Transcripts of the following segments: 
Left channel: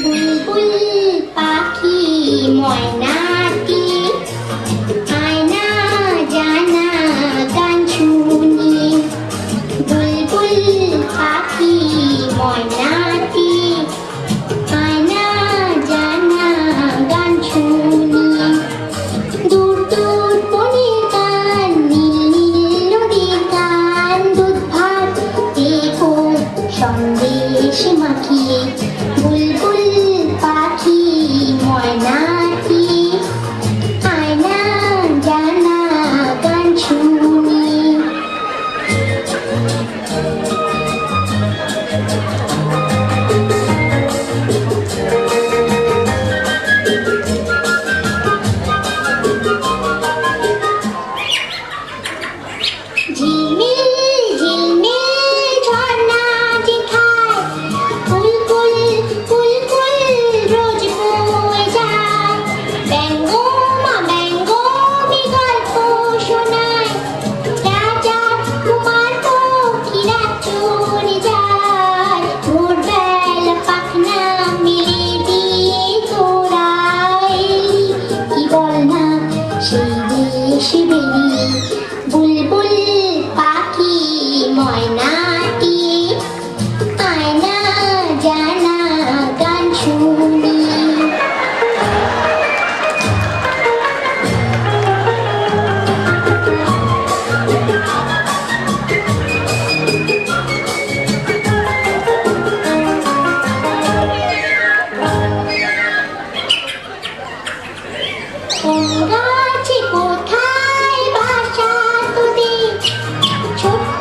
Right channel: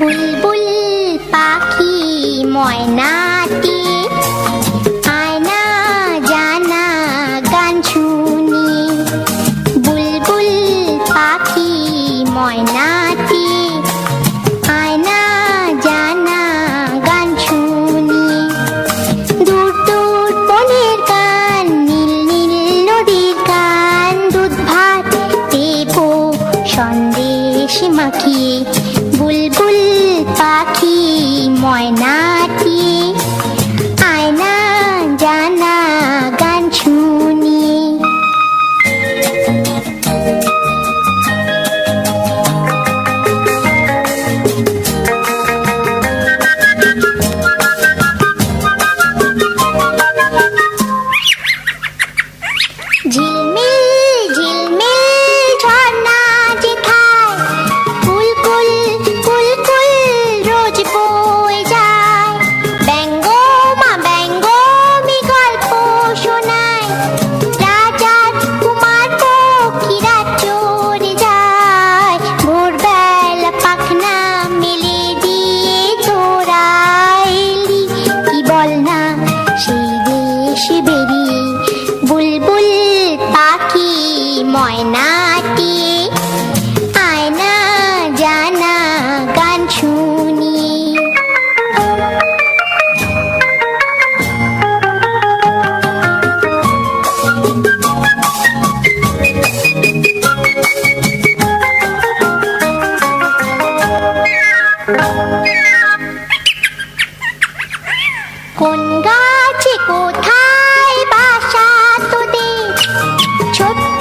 বুলবুল পাখি ময়নাটি আয়না জানা গান শুনি। বুলবুল পাখি ময়নাটি আয়না জানা গান শুনি। দূর দূর বনের গান, নীল নীল নদীর গান, দুধ ভাত দেখো সন্দেশ মাখিয়ে। বুলবুল পাখি ময়নাটি আয়না জানা গান শুনি। ঝিলমিল ঝিলমিল ঝর্ণা যে খায়, কুলকুল কুলকুল রোজ বয়ে যায়। ব্যঙ্গ মা ব্যঙ্গ মি গল্প শোনায়, রাজার কুমার পক্ষীরা চলে যায়। ভোরবেলা পাখনা মেলে দিয়ে তোরা এলি, কি বল না সেই দেশ বেরিয়ে। বুলবুল পাখি ময়নাটি আয়না জানা গান শুনি। কোন গাছে কোথায় বাসা তোদের, ছোট্ট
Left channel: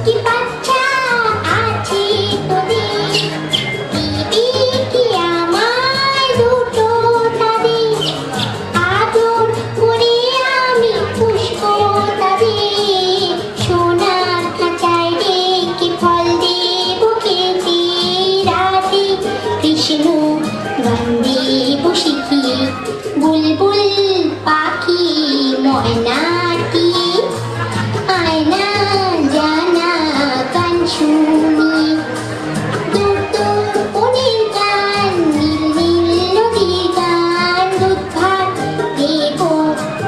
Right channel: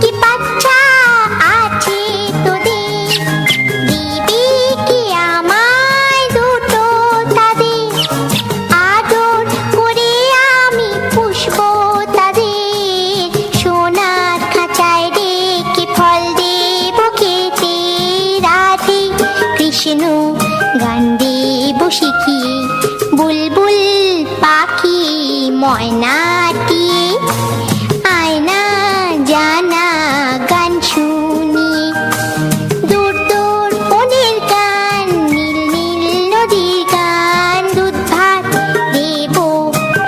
কি বাচ্চা আছে তোদের। দিবি কি আমায় দুটো তাদের, আদর করে আমি পুষবো তাদের। সোনার খাঁচায় রেখে ফল দেব খেতে, রাধে কৃষ্ণ গান দেব শিখিয়ে। বুলবুল পাখি ময়নাটি আয়না জানা গান শুনি। দূর দূর বনের গান, নীল নীল নদীর গান, দুধ ভাত দেব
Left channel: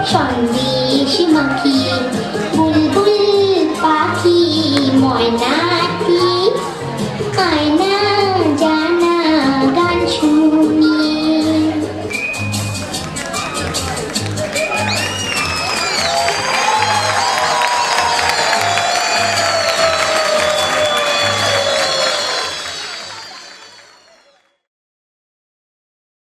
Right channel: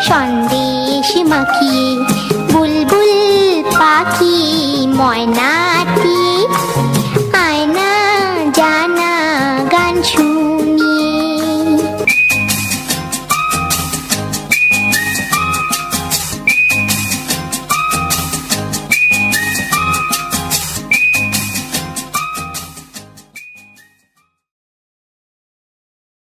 সন্দেশ